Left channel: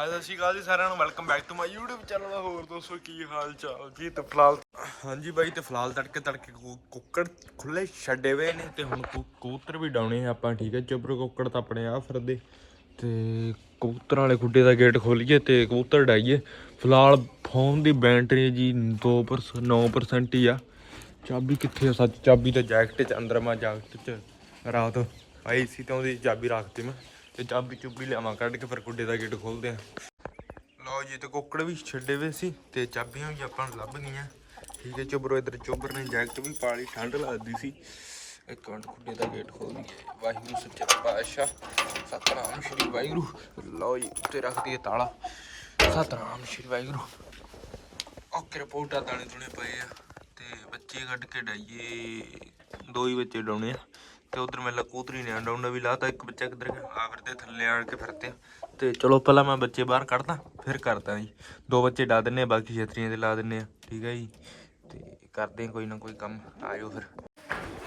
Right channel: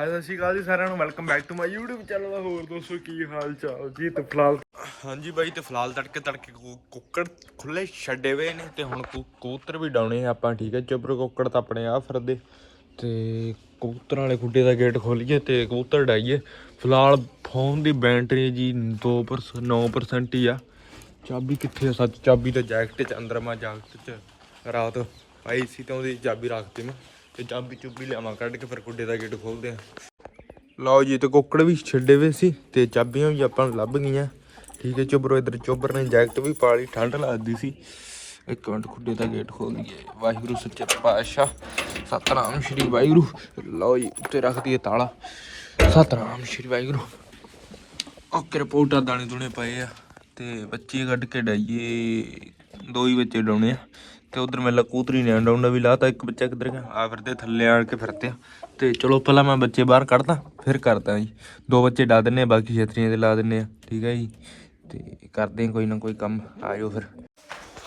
ਹਾਏ ਸਤਿ ਸ਼੍ਰੀ ਅਕਾਲ ਜੀ ਸਾਰਿਆਂ ਨੂੰ। Welcome back to my YouTube channel ਹੋਰ ਦੋਸਤੋ ਕੀ ਹਾਲ ਚਾਲ? ਜੀ ਤੇ ਫਿਲਹਾਲ ਹਾਂਜੀ ਬਾਈ, ਤੇ ਫਿਲਹਾਲ ਤੜਕੇ ਤੜਕੇ ਕੁੱਕੜ ਖੁੱਲੇ ਛੱਡੇ ਹੋਏ ਨੇ ਤੇ ਹੁਣ ਕਬੂਤਰ ਵੀ ਡਾਉਣੇ ਆ ਆਪਾਂ, ਠੀਕ ਹੈ? ਚੁੱਪਰ ਕੁੱਕੜ ਤਾਂ ਆਪਣੇ ਆ ਫਿਰਦੇ ਤੇ ਕਬੂਤਰਾਂ ਵਾਲੇ ਖੁੱਡੇ ਦਾ ਗੇਟ ਖੋਲੀਏ ਤੇ ਕਬੂਤਰ ਡਾਈਏ। ਫਿਲਹਾਲ ਫੋਨ ਦੀ ਬੈਟਰੀ ਜੀ 2% 9% ਹੀ ਆ। ਚਾਬੀ ਕਿੱਥੇ ਆ? ਸੱਚ ਚਾਬੀ ਤਾਂ ਜੈਕਟ ਚ, ਅੰਦਰ ਮੈਂ ਜੈਕਟ ਚ। ਰਾਤ ਆਈ ਸੀ ਤਾਂ ਉਹਦੀ ਚਾਬੀ ਰੱਖਤੀ ਮੈਂ। ਤੇ ਚਾਬੀ ਚੁੱਬੀ ਲਿਆਵਾਂ, ਕੱਢ ਕੇ ਫਿਰ ਗੁੱਡੇ ਦਾ ਗੇਟ ਖੋਲਦੇ ਆ। ਲਓ ਜੀ, ਤੇ ਕੁੱਕੜ ਵੀ ਛੱਡੇ ਹੋਏ ਸੀ ਤੇ ਚਾਬੀਆਂ ਵੀ ਆਪਾਂ ਨੂੰ ਲੱਭ ਗਈਆਂ। ਠੀਕ ਹੈ ਚੁੱਬਰੋ ਇਧਰ ਚੋਬਰ ਨੇ ਜੈਕਟ ਵੀ ਪਾ ਲਈ, ਠੰਡ ਲੱਗਦੀ ਸੀ। ਇੱਕ ਮਿੰਟ ਖੁੱਡੇ ਦਾ ਗੇਟ ਖੋਲ ਦਈਏ ਵਾਹਿਗੁਰੂ, ਸੱਚੇ ਪਾਤਸ਼ਾਹ, ਸਤਨਾਮ ਸ਼੍ਰੀ ਵਾਹਿਗੁਰੂ। ਲਓ ਜੀ, ਉੱਤੇ ਰੱਖ ਦਈਏ ਤਾਲਾ। ਸਤਨਾਮ ਸ਼੍ਰੀ ਵਾਹਿਗੁਰੂ। ਓਕੇ, ਰਿਪੋਰਟਾਂ ਦਾਣੇ ਦੁਣੇ ਪਏ ਆ। ਤੇ ਬੱਚੇ ਕੱਢ ਕੇ ਡਾਈਏ। ਦੋ ਹੀ ਬੱਚੇ ਡਾਉਣੇ ਆ। ਤੇ ਉਧਰ ਮੈਂ ਕੂਤਰੀ ਨੇ ਡਾਉਣਾ ਵੀ ਲਾਤਾ ਇੱਕ ਬੱਚਾ ਕਿੱਧਰ ਗਿਆ? ਆ ਫਿਰਦੇ, ਥੱਲੇ ਆਣ ਕੇ ਫਿਰਦੇ ਆ। ਤੇ ਚਲੋ ਪਹਿਲਾਂ ਮੈਂ ਬੱਚੇ ਬਾਹਰ ਕੱਢਦਾ, ਫਿਰ ਕਰਦਾ ਜੀ। ਦੋ ਬੱਚੇ ਡਾ ਦਿੰਨੇ ਆ, ਬਾਕੀ ਛਤਰੀਆਂ ਤੇ ਲਾ ਦਿੰਨੇ ਆ, ਠੀਕ ਹੈ ਜੀ? ਤੇ ਕਰਦੇ ਕੋਈ ਨਾ ਕੋਈ ਕੰਮ ਆਇਓ ਫਿਰ।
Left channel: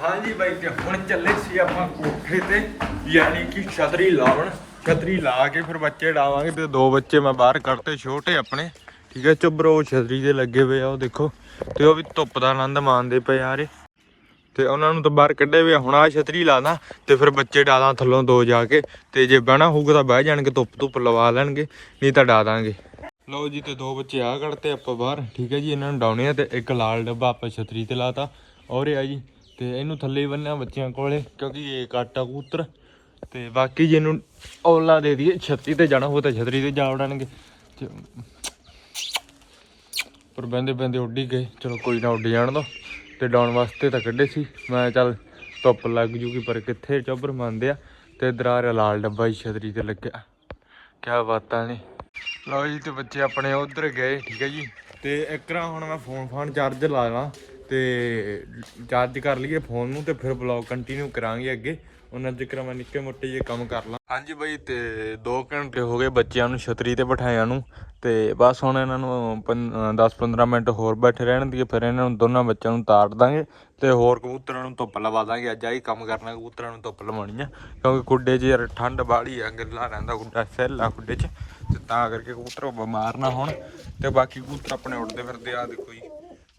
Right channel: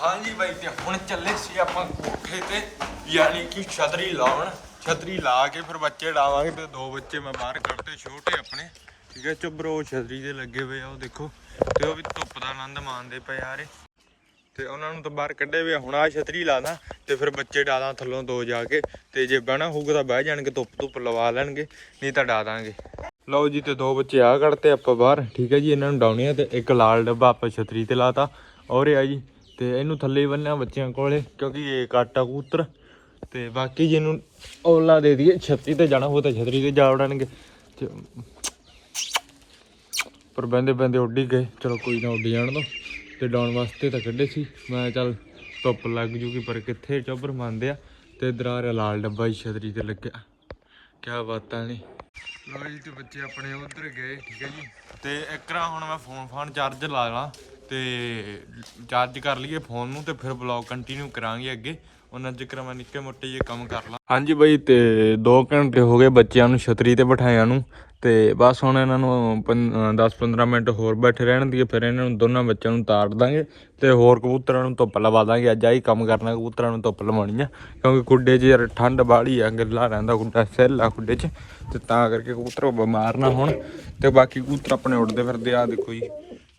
ਹਾਂਜੀ ਬਾਈ, ਤੇ ਹੁਣ ਚੱਲੇ ਸੀ ਆਪਾਂ ਕੋਠੇ ਤੇ, ਯਾਨੀ ਕਿ ਛਤਰੀ ਲਾਉਣ। ਛਤਰੀ ਲਾ ਕੇ ਫਿਰ ਬੱਚੇ ਡਾਵਾਂਗੇ ਤੇ ਦੋ ਬੱਚੇ ਮੈਂ ਬਾਹਰ ਕੱਢਤੇ, ਛੋਟੇ ਆਪਣੇ। ਠੀਕ ਹੈ ਚੁੱਬਰੋ ਛਤਰੀ ਦੇ ਲੱਗੇ ਹੋਏ ਆ, ਉਹ ਦੇਖੋ। ਤੇ ਉਹ ਵੀ ਧੁੱਪ ਦਾ ਆਨੰਦ ਮਾਣਦੇ ਪਏ ਯਾਰੇ ਤੇ ਉਹਨਾਂ ਨੂੰ ਤਾਂ ਬਾਹਰ ਕੱਢੇ ਵੀ ਆ। ਹੁਣ ਆ ਛਤਰੀ ਲਾਦਾ ਤੇ ਫਿਰ ਬੱਚੇ ਡਾਲਾਂ ਥੱਲੋਂ ਦੋ ਜਾ ਕੇ ਤੇ ਜੇ ਬਹਿਣਾ ਹੋਊਗਾ ਤਾਂ ਬਹਿ ਜਾਣਗੇ, ਧੁੱਪ ਧੁੱਪ ਲਵਾ ਲੈਣਗੇ, ਨਹੀਂ ਤਾਂ ਡਾ ਦਾਂਗੇ। ਲਓ ਜੀ ਤੇ ਦੋ ਬੱਚੇ ਆ ਕੱਢਤੇ ਆਪਾਂ ਬਾਹਰ, ਠੀਕ ਹੈ ਜੀ, ਇਹਨਾਂ ਨੂੰ ਡਾਉਣੇ ਆ ਤੇ ਇੱਕ ਲਾਲ ਡੱਬਾ ਆਪਾਂ ਛਤਰੀ ਤੇ ਲਾਤਾ ਔਰ ਇਹ ਆ ਜੀ, ਤੇ ਇਹਨੂੰ ਥੱਲੇ ਬੰਨਿਆ ਬੱਚਿਆਂ ਕੋਲੇ, ਕਿਉਂਕਿ ਇਹ ਕਾਟਾ ਕੂਤਰ ਤੇ ਬਾਕੀ ਜੀ ਇਹਨੂੰ ਔਲਾ ਦੇ ਦਈਏ ਛਤਰੀ ਤੇ ਜਾਣਾ ਹੋਊ ਤਾਂ ਛਤਰੀ ਤੇ ਜਾ ਵੜਨਗੇ। ਤੇ ਪਰ ਬੰਦੇ ਬੰਦੇ ਉੱਡੀ ਗਏ, ਚਲੋ ਕੋਈ ਨਾ ਉੱਡੀ ਜਾਣ ਦੋ। ਤੇ ਡਾਉਣ ਵਾਸਤੇ ਤਾਂ ਕੱਢੇ ਸੀ। ਮੈਂ ਚੱਲ ਧੁੱਪ ਲੱਗ ਜੂਗੀ, ਪਰ ਕਿੱਥੇ ਚੋਬਰ ਮੰਨਦੇ ਆ। ਤੇ ਇਧਰ ਲਾਲ ਡੱਬਾ ਹੀ ਛਤਰੀ ਤੇ ਲੱਗਿਆ। ਕਿਆ ਬਾਤਾਂ ਨੇ। ਲਓ ਜੀ ਤੇ ਬੱਚੇ ਆਪਣੇ ਉਧਰ ਗਏ, ਠੀਕ ਹੈ ਜੀ। ਤੇ ਇੱਕ ਰਾਂ ਹੁਣ ਮੈਂ ਫੋਨ ਫਾਨ ਚਾਰਜ ਲਾ ਲਾਂ ਤੇ ਚਾਰਜ ਕਰ ਲਈਏ ਫੋਨ ਨੂੰ ਤੇ ਫਿਰ ਬਲੌਗ ਕੰਟੀਨਿਊ ਕਰਾਂਗੇ ਅੱਗੇ। ਉਹਨਾਂ ਜ਼ਿਕਰ ਮੈਂ ਨਿੱਕੇ ਮੋਟੇ ਜੇ ਕੰਮ ਕਰ ਲਾਂ। ਹਾਂਜੀ ਬਾਈ, ਤੇ 2 ਘੰਟੇ ਹੋ ਗਏ ਬੱਚਿਆਂ ਨੂੰ, ਛਤਰੀ ਤੇ ਬਿਠਾਇਆ ਨੂੰ। ਤੇ ਬਸ ਹੁਣ ਇਹਨਾਂ ਨੂੰ 10-15 ਮਿੰਟ ਹੋਰ ਬੈਠੇ ਰਹਿਣ ਦੀ ਫਿਰ ਇਹਨਾਂ ਨੂੰ ਦੋਨਾਂ ਬੱਚਿਆਂ ਨੂੰ ਤਾਰ ਦਾਂਗੇ ਤੇ ਹੋਰ ਕਬੂਤਰਾਂ ਨੂੰ ਧੁੱਪ ਲਵਾ ਦਾਂਗੇ। ਅੱਜ ਆਹੀ ਕੰਮ ਕਰਨਾ, ਕਬੂਤਰਾਂ ਨੂੰ ਧੁੱਪ ਲਵਾਉਣੀ ਆ, ਕਿਉਂਕਿ ਖੁੱਡੇ 'ਚ ਯਾਰ ਠੰਡ ਬਾਹਲੀ ਆ, ਗਿੱਲਾ ਰਹਿੰਦਾ ਖੁੱਡਾ ਸਹਿਲਾ ਖੁੱਡੇ 'ਚ ਤੇ ਤਾਂ ਕਰਕੇ ਕਬੂਤਰ ਬਿਮਾਰ ਨਾ ਹੋਣ ਤੇ ਬਾਕੀ ਕਬੂਤਰ ਆਪਣੇ ਉੱਡਦੇ ਫਿਰਦੇ ਆ ਦੇਖੋ ਜੀ,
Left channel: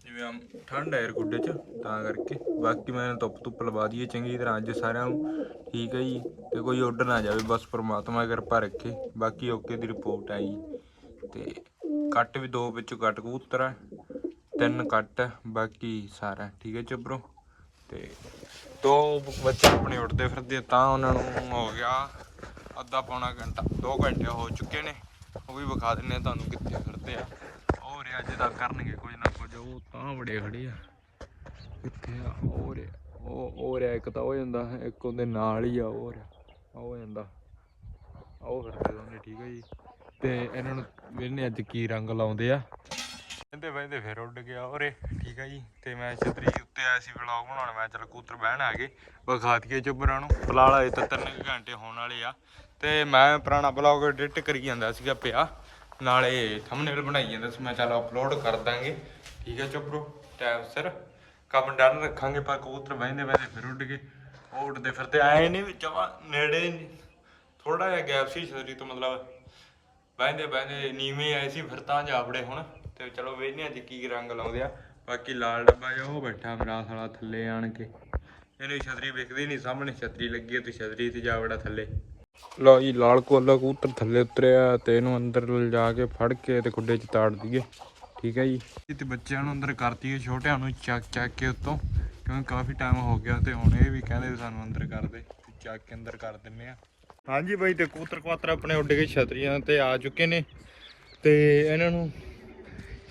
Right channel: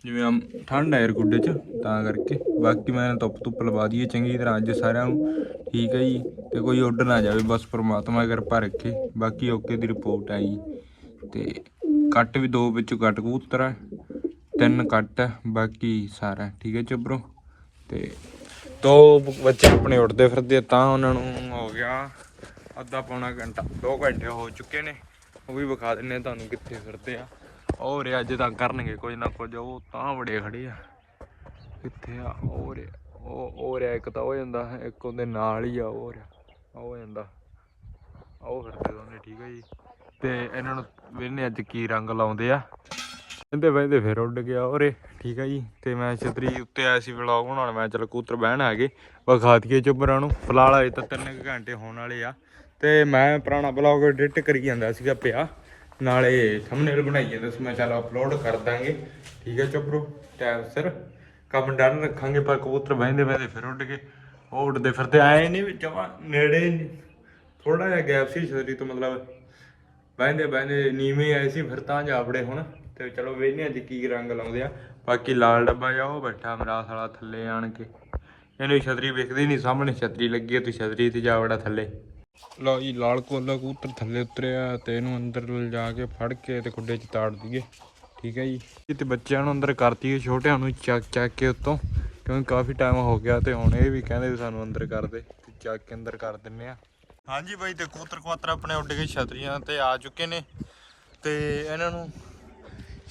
ਜਿਵੇਂ ਠੰਡ ਹੈ ਯਾਰ ਗੁੱਡੇ 'ਚ, ਤਾਂ ਕਰਕੇ ਬਾਕੀ ਮੈਂ ਧੁੱਪ ਧੁੱਪ ਲਵਾ ਦਈਏ ਚੰਗੀ ਤਰ੍ਹਾਂ ਅੱਜ ਸਾਰਿਆਂ ਨੂੰ, ਠੀਕ ਹੈ ਜੀ, ਤੇ ਕੋਈ ਉੱਡ ਨਾ ਜਾਵੇ, ਬਸ ਪ੍ਰਮਾਤਮਾ ਕਿਰਪਾ ਰੱਖੇ, ਬਾਕੀ ਓਕੇ ਦੀ ਰਿਪੋਰਟ ਆਈ ਤੇ ਕੱਟ ਵੀ ਦੋ ਵਿੱਚੋਂ ਕੱਟ ਕਬੂਤਰ ਆ, ਤਿੰਨ ਕੱਟ ਆ, ਬਾਕੀ ਸਾਰਾ, ਠੀਕ ਹੈ ਚੁੱਬਰੋ ਤੇ ਦੋ ਬੱਚੇ ਆਪਣੇ ਉੱਡਦੇ ਫਿਰਦੇ ਤਾਂ ਉਹਨਾਂ ਨੂੰ ਹੋ ਗਿਆ ਅੱਧਾ ਪੌਣਾ ਘੰਟਾ 2 ਘੰਟੇ ਹੋ ਚੁੱਕੇ ਨੇ, ਉਹ ਵੀ ਵਿਖਾ ਦਿੰਨੇ ਤੁਹਾਨੂੰ ਕਿੱਥੇ ਫਿਰਦੇ ਆ। ਉਹ ਰੇ ਅੱਜ ਤਾਂ ਕਰਨਗੇ ਕੁਝ ਨਾ ਕੁਝ, ਉਹ ਤਾਂ ਬੜੇ ਖੜੇ ਆ। ਕਿੱਥੇ ਆ? ਉਹ ਰੇ ਉਹ ਉਹ ਰਿਆ ਇੱਕ ਤਾਂ ਹੋ ਜਾਂਦਾ, ਇੱਕ ਉਹਦੇ ਨਾਲ ਹੀ ਆ ਉਹ ਰਿਆ ਉਹ ਜਾਂਦਾ। ਉਹ ਫਿਰਦੇ ਦੋਨੇ, ਠੀਕ ਹੈ ਜੀ। ਤੇ ਇਹਨਾਂ ਨੂੰ ਵੇਨੇ ਅੱਜ ਕੀ ਰੰਗ ਲਾਉਂਦੇ ਆ। ਕਹਿੰਦੇ ਵੈਦੇ ਫਿਰ ਉੱਡ ਗਿਆ ਉਰੇ, ਠੀਕ ਆ ਜੀ। ਤੇ ਮੈਂ ਛਤਰੀ ਉੱਤੇ ਆਇਆ ਸੀ ਵਲੌਗ ਬਣਾਉਣ, ਮੈਂ ਚਲ ਕੂਤਰ ਬਹਿਣ ਆ ਗਏ ਵਿਖਾ ਦਈਏ ਨੂੰ। ਫਿਲਹਾਲ ਅਜੇ ਤਾਂ ਤਿੰਨ ਕੁ ਘੰਟੇ ਹੋਣ ਵਾਲੇ ਆ। ਤੇ ਮੈਂ ਪੁਰਾਣਾ ਬਲੌਗ ਐਡਿਟ ਕਰੀ ਜਾਂਦਾ ਸੀਗਾ ਪਿਆ। ਨਾਲੇ ਥੰਬਨੇਲ ਬਣਾਈ ਜਾਂਦਾ ਸੀ, ਮੈਂ ਚੱਲ ਅਪਲੋਡ ਕਰ ਦਾਂਗੇ। ਠੀਕ ਹੈ ਚੁੱਬਰੋ ਟਾਈਮ ਸਿਰ। ਕੰਮ ਡਨ, ਰੱਖਾਂਗੇ ਪਰ ਕਬੂਤਰ ਬਹਿੰਦੇ ਬਹਿੰਦੇ ਫਿਰ ਉੱਡ ਗਏ। ਉਹ ਉੱਡਦੇ ਫਿਰਦੇ ਆਏ ਨਹੀਂ ਵੀ ਜਮਾ ਨੇੜੇ ਥੋੜਾ ਜਿਹਾ ਗੈਪ ਸੀ ਛਤਰੀ ਤੋਂ ਮਤਲਬ ਬਹਿੰਦੇ ਬਹਿੰਦੇ ਨੀਵੇਂ ਆਏ ਸੀ ਫਿਰ ਤਾਂ ਜਾਵੜੇ ਹੁਣ। ਤੇ ਚਲੋ ਵੇਖਨੇ ਅੱਜ ਕੀ ਰੰਗ ਲਾਉਂਦੇ ਆ। ਬਾਕੀ ਲਾਲ ਡੱਬਾ ਜਾ ਉਹ ਬੈਠਾ ਮੇਰਾ ਸਾਲਾ ਥੱਲੇ ਆਣ ਕੇ। ਇਹਨੂੰ ਛਤਰੀ ਵੇਖਦੀ ਨਹੀਂ ਸਾਹਮਣੇ ਛਤਰੀ ਲੱਗੀ ਆ ਤੇ ਛਤਰੀ ਤੇ ਜਾ ਵੜਾ ਥੱਲੇ। ਲਓ ਜੀ ਲਾਲ ਕੋਲਾ ਕਬੂਤਰ ਥੱਲੇ ਉਤਰਿਆ ਤੇ ਇਹਨੂੰ ਅੰਦਰ ਲਿਜਾ ਕੇ ਫੜ ਕੇ ਤੇ ਖੁੱਡੇ 'ਚ ਤਾੜ ਦਈਏ। ਠੀਕ ਹੈ ਜੀ। ਤੇ ਬੱਚਿਆਂ ਨੂੰ ਅੰਦਰ ਕਰਤੀਏ ਛੋਟਿਆਂ ਨੂੰ ਚੱਕ ਚੱਕ ਕੇ ਉੱਤੋਂ। ਕਿਉਂਕਿ ਕਾਫੀ ਟਾਈਮ ਹੋ ਗਿਆ ਤੇ ਹੁਣ ਇਹ ਵੀ ਕਹਿੰਦੇ ਵੀ ਸਾਨੂੰ ਅੰਦਰ ਕਰ ਦੇ। ਚੱਕ ਕੇ ਅੰਦਰ ਕਰ ਦਿੰਨੇ ਆ। ਹਾਂਜੀ ਬਾਈ, ਤੇ ਕਬੂਤਰ ਕਵਾਤਰ ਆਪਣੇ ਉੱਡ ਕੇ ਛਤਰੀਆਂ ਤੇ ਆ ਚੁੱਕੇ ਨੇ। ਤੇ ਇਹਨਾਂ ਨੂੰ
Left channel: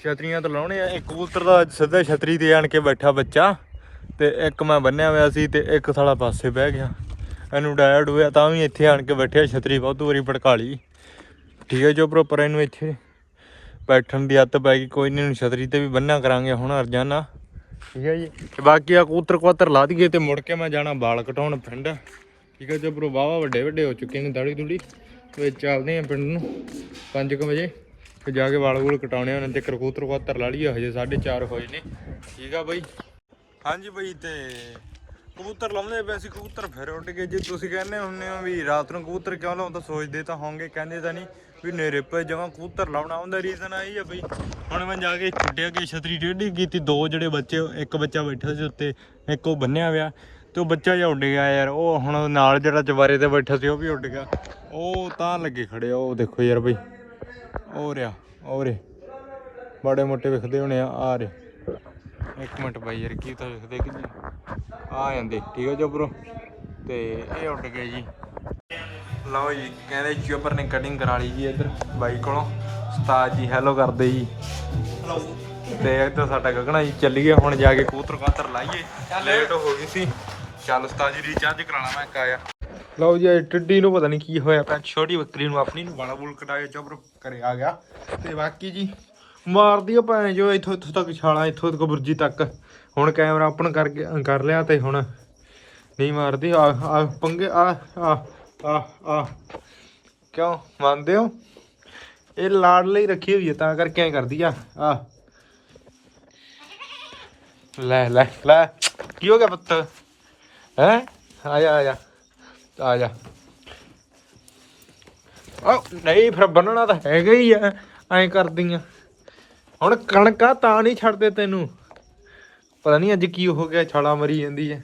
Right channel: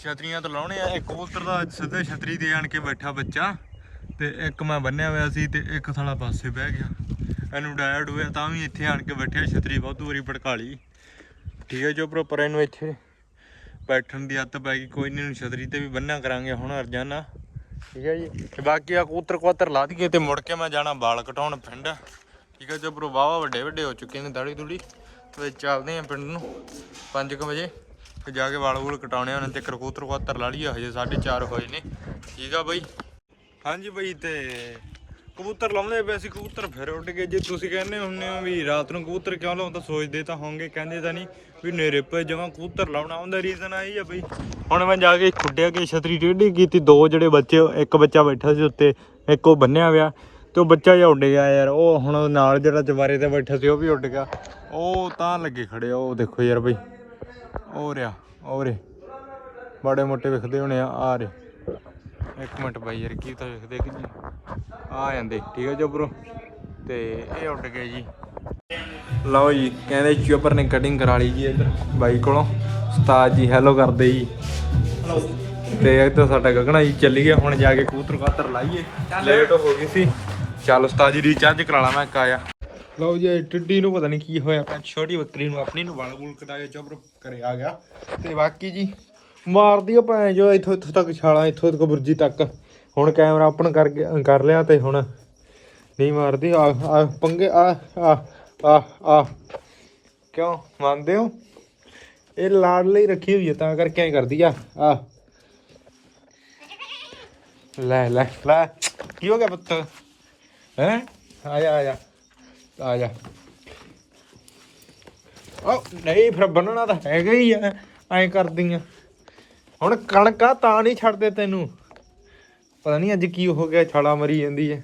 ਛਤਰੀਆਂ ਤੋਂ ਲਾਉਣੇ ਆ। ਇੱਕ ਕਬੂਤਰ ਦਾ ਸਿੱਧਾ ਛਤਰੀ ਤੇ ਆਣ ਕੇ ਬੈਠਾ ਬੱਚਾ। ਤੇ ਇੱਕ ਮੈਂ ਬੰਨਿਆ ਹੋਇਆ ਸੀ ਤੇ ਇੱਕ ਸਾਲਾ ਪਾਸੇ ਬਹਿ ਗਿਆ। ਇਹਨੂੰ ਡਾਇਰਡ ਹੋਇਆ, ਤਾਂ ਵੀ ਇੱਥੇ ਆਣ ਕੇ ਬੈਠਿਆ, ਛਤਰੀ ਬਹੁਤ ਵਾਰੀ ਭੜਕਾ ਲਈ। ਠੀਕ ਹੈ ਜੋ ਪ੍ਰੋਪਰ ਇਹਨੂੰ ਇੱਥੇ ਬੈਠਣ ਦੀ ਆਦਤ ਪੈ ਗਈ। ਕੋਈ ਨਹੀਂ ਇਹਨੂੰ ਛਤਰੀ ਤੇ ਵੀ ਬੰਨਿਆ ਕਰਾਂਗੇ ਹੁਣ ਅਰਜਾਨਾ ਠੀਕ ਹੈ ਜੀ। ਬਾਕੀ ਆ ਕੂਤਰ ਕਵਾਤਰ ਲਾ ਦਈਏ ਤੇ ਮੁੜ ਕੇ ਮੈਂ ਜਾਣਾ ਵਾਲ ਕਟਾਉਣ ਪਿੰਡ। ਠੀਕ ਹੈ ਜੋ ਪ੍ਰੋ ਵਾਵਾ ਵੱਡੇ ਵੱਡੇ ਹੋ ਚੁੱਕੇ ਨੇ ਦਾੜੀ ਦੂੜੀ। ਤੇ ਚੱਲਦੇ ਆ ਪਿੰਡ ਨੂੰ। 5:00 ਵਜੇ ਤੇ ਜਾ ਕੇ ਵਾਲ ਵੂਲ ਕਟਾਉਣੇ ਉਹਨਾਂ ਤੇ ਕਬੂਤਰ ਕਵਾਤਰ ਲਾ ਲਈਏ, ਹਜੇ 4:30 ਹੋਏ ਨੇ। ਠੀਕ ਆ ਬਈ। ਹਾਂਜੀ ਬਈ, ਤੇ ਕਬੂਤਰ ਲਾਉਂਦੇ ਪਏ ਸੀ, ਕਬੂਤਰ ਫਿਰ ਉੱਡ ਗਏ। ਜੇ ਤੁਸੀਂ ਕਹਿੰਦੇ ਹੁੰਨੇ ਹੋ ਵੀ ਰਾਤ ਨੂੰ ਕਬੂਤਰ ਕਿਉਂ ਲਾਉਂਦਾ ਸੋਚਦੇ ਤਾਂ ਹੋਵੋਗੇ ਕਹਿੰਦੇ ਤਾਂ ਨਹੀਂ ਵੀ ਨੇਰੇ ਪਏ ਜਮਾਂ ਕਬੂਤਰ ਲਾਉਣਾ, ਉਹਦਾ ਰੀਜ਼ਨ ਆਈ ਆ ਬਈ। ਹੁਣ ਮੈਂ ਜਾ ਕੇ ਛੁੱਟਿਆ ਕਿ ਛਤਰੀ ਟੇਢੀ ਕੀਤੀ, ਦੋ ਜਿਹੜੇ ਬੱਚੇ, ਇੱਕ ਬੱਚਾ ਬੈਠਾ ਸੀ ਉੱਤੇ, ਇੱਕ ਉਹ ਬੰਨਿਆ ਹੋਇਆ ਤੇ ਉਹ ਬੱਚਾ ਜਿਹਾ ਉੱਡ ਗਿਆ ਯਾਰ, ਉਹ ਹੁਣ ਨਾਲ ਜਿਹੜਾ ਚਵਾਰੇ ਤੇ ਬੈਠਾ ਸੀ, ਉਹ ਵੀ ਉੱਡ ਗਿਆ। ਉਹ ਤਾਂ ਲੱਗੇ ਖੜੇ ਉਹ ਦੇਖੋ ਯਾਰ ਬਈ। ਉਹ ਰਿਆ, ਉਹ ਰੇ। ਬੜੇ ਮੋਟੇ ਵਿਖਦੇ ਹੋਣੇ ਆ ਆ ਰੇ। ਇੱਕ ਮਿੰਟ ਬਾਈ ਯਾਰ, ਕੀ ਤਾਂ ਵਿਖਦੇ ਕਿ ਜੀ? ਆ ਜਾਂਦੇ, ਠੀਕ ਹੈ ਜਬਰੋ ਤੇ ਇਹ ਉੱਡ ਗਏ ਜੀ। ਲਓ ਜੀ, ਕਹਿੰਦੇ ਚੋਪਰ ਨੇ ਕਟਿੰਗ ਕਰਾ ਲਈ ਜੀ ਇੱਧਰ, ਬਾਈ ਕੋਲੋਂ। ਉਸਤਾਦ ਜੀ ਹੈਲੋ ਕਰਦੇ ਜੀ। ਤੇ ਇੱਧਰ ਸਾਡਾ ਗਗਣਾ ਜੀ ਚੱਲੀ ਗਿਆ, ਹੁਣ ਜਾ ਕੇ ਕੂਤਰ ਕਾਤਰ ਲਾਈਏ। ਲੇਟ ਹੋ ਗਈ ਸੀ। ਚੱਲ ਉਸਤਾਦ ਜੀ ਰੀਚਾਰਜ ਕਰਾ ਲਾ ਮੈਂ ਕਾਇਆ ਲਓ ਜੀ ਟਿੱਡੀ ਨੂੰ ਪਤਾ ਨਹੀਂ ਕੀ ਹੋਇਆ ਪਿਆ। ਛੋਟੀ ਬੱਕਰੀ ਨੂੰ ਆਪਣੀ ਨੂੰ ਵਾਲਾ ਬੂਲ ਕਟਾ ਕੇ ਚੋਪਰ ਕਰੇ ਆ ਗਿਆ। ਤੇ ਬਾਕੀ ਜੀ ਮਾਰਦੀ ਆ ਭੈਣ ਜੋ ਇੱਥੋਂ ਇੱਥੋਂ ਤੱਕ ਛਾਲਾਂ ਇੱਥੋਂ ਤੱਕ ਬੁਰਜੀ ਤੱਕ। ਹੁਣ ਕੈਮਰਾ ਓਪਨ ਕਰ ਕਰ ਲਿਆ ਤੇ ਹੁਣ ਨਹੀਂ ਮਾਰਦੀ। ਆ ਆ ਪੰਗੇ ਆ ਆ ਆ ਆ। ਕਿਉਂ? ਮੰਨਦੇ ਹੋ? ਇਹ ਲਾੜ ਲਈ ਰੱਖੀ ਹੋਈ ਹੈ ਤਾਂ ਕਰਕੇ ਐ ਕਰਦੀ ਆ। ਆ। ਲੈ ਲੈ ਲੈ। ਕੀ ਹੋ ਗਿਆ ਪੁੱਤ? ਹੈ ਆ ਜਾ ਆ ਜਾ ਆ ਜਾ ਆ ਨਹੀਂ ਫਿਰ ਬੰਨਣਾ ਤਾਂ ਹੈਗਾ ਹੀ ਆ ਐਂ ਕਰਦੀਆਂ ਹੁਣ ਕਣਕਾਂ ਤਾਂ ਨਹੀਂ ਛੱਡਦੇ ਤੈਨੂੰ ਪਤਾ ਨਹੀਂ ਅੱਜ ਕੀ ਹੋ ਗਿਆ ਛਾਲਾ ਮਰੀ ਜਾਂਦੀ ਹੈ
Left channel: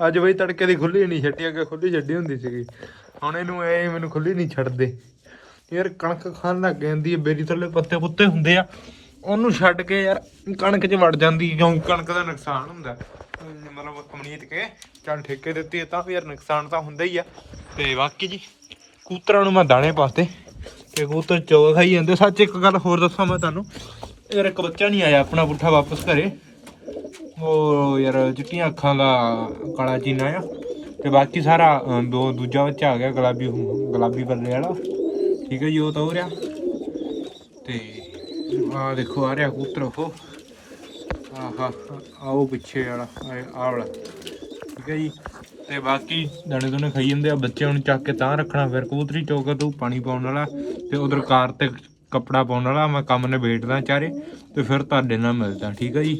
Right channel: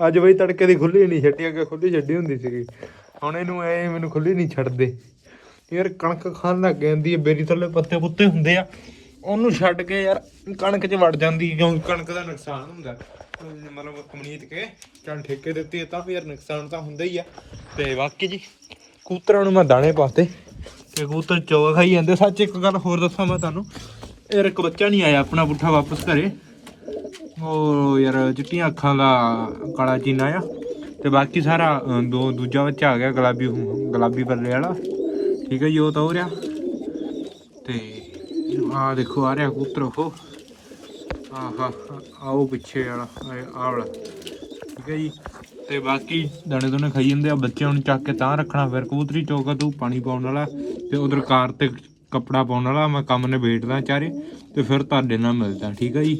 ਅੱਜ ਬਈ ਤੜਕੇ ਦੀ ਖੁੱਲੀ ਨਹੀਂ ਛੱਡੀ ਅੱਗੇ ਖੁੱਲੀ ਛੱਡੀ ਹੁੰਦੀ ਸੀਗੀ ਹੁਣ ਇਹਨੂੰ ਐ ਮੈਨੂੰ ਖੁੱਲੀ ਨਹੀਂ ਛੱਡਦੇ ਯਾਰ ਕਣਕ ਖਾਣ ਲੱਗ ਜਾਂਦੀ ਹੈ ਬੇਰੀ ਥੱਲੇ ਪੱਤੇ ਪੁੱਤੇ ਹੁੰਦੇ ਆ ਉਹਨੂੰ ਛੱਡ ਕੇ ਯਾਰ ਕਣਕ 'ਚ ਵੜ ਜਾਂਦੀ ਕਿਉਂਕਿ ਕਣਕ ਦਾ ਨੁਕਸਾਨ ਹੁੰਦਾ। ਮਤਲਬ ਅਮਨੀਤ ਕੇ, ਚੱਲ ਠੇਕੇ ਦਿੱਤੀ ਹੈ ਤਾਂ ਵੀ ਯਾਰ ਨੁਕਸਾਨ ਤਾਂ ਹੁੰਦਾ ਹੀ ਆ। ਤੇ ਬਾਕੀ ਜੀ ਕੂਤਰਾਂ ਨੂੰ ਮੈਂ ਦਾਣੇ ਪਾਤੇ। ਤੇ ਕੂਤਰ ਚੋਗ ਖਾਈ ਜਾਂਦੇ। ਸੱਚ ਇੱਕ ਗੱਲ ਹੋਰ ਦੱਸਾਂ ਮੈਂ ਤੁਹਾਨੂੰ। ਯਾਰ ਇੱਕ ਬੱਚਾ ਨਹੀਂ ਆਇਆ ਆਪਣਾ ਪੁੱਠਾ ਵਾਪਸ ਘਰੇ। ਉਹ ਯਾਰ ਚਿੱਟੀਆਂ ਅੱਖਾਂ ਦਾ ਕਾਲਾ ਚੀਨਾ ਆ। ਤੇ ਬਾਕੀ ਸਾਰਾ ਦੋ, ਦੂਜਾ ਬੱਚਾ ਆ ਗਿਆ, ਗੁਲਾਬੀ ਗੁਲਾਬੀ ਬੱਲੇ ਵਾਲਾ। ਠੀਕ ਹੈ ਜੀ, ਉਹ ਤਾਂ ਹੋ ਰਿਹਾ। ਤੇ ਆ ਦੇਖੋ, ਆ ਰਿਹਾ ਕੂਤਰ ਉਹ। ਆਹਾ, ਆਓ ਪਿੱਛੇ ਵਾਲਾ ਆ ਵਾਲਾ। ਠੀਕ ਹੈ ਜੀ? ਤੇ ਬਾਕੀ ਦਾਣੇ ਦੋਨੇ ਖਾਈ ਜਾਂਦੇ ਆ, ਬੱਚਿਆਂ ਨੂੰ ਚੱਕ ਕੇ ਤਾਂ ਰੱਖਣਾ, ਫਿਰ ਕਬੂਤਰੀ ਚੌਕਾ ਤੂੰ ਪਾਣੀ ਪਾਉਣ ਵਾਲਾ, ਤੇ ਉਧਰ ਕਾਰ ਤੇ ਕੱਪੜਾ ਪਾਉਣ ਵਾਲਾ, ਮੈਂ ਕੰਮ ਨੇ ਨਿਬੇੜਦਾ ਚਾਰੇ, ਤੇ ਫਿਰ ਤੁਹਾਡੇ ਨਾਲ ਮਿਲਦਾ, ਠੀਕ ਹੈ ਜੀ?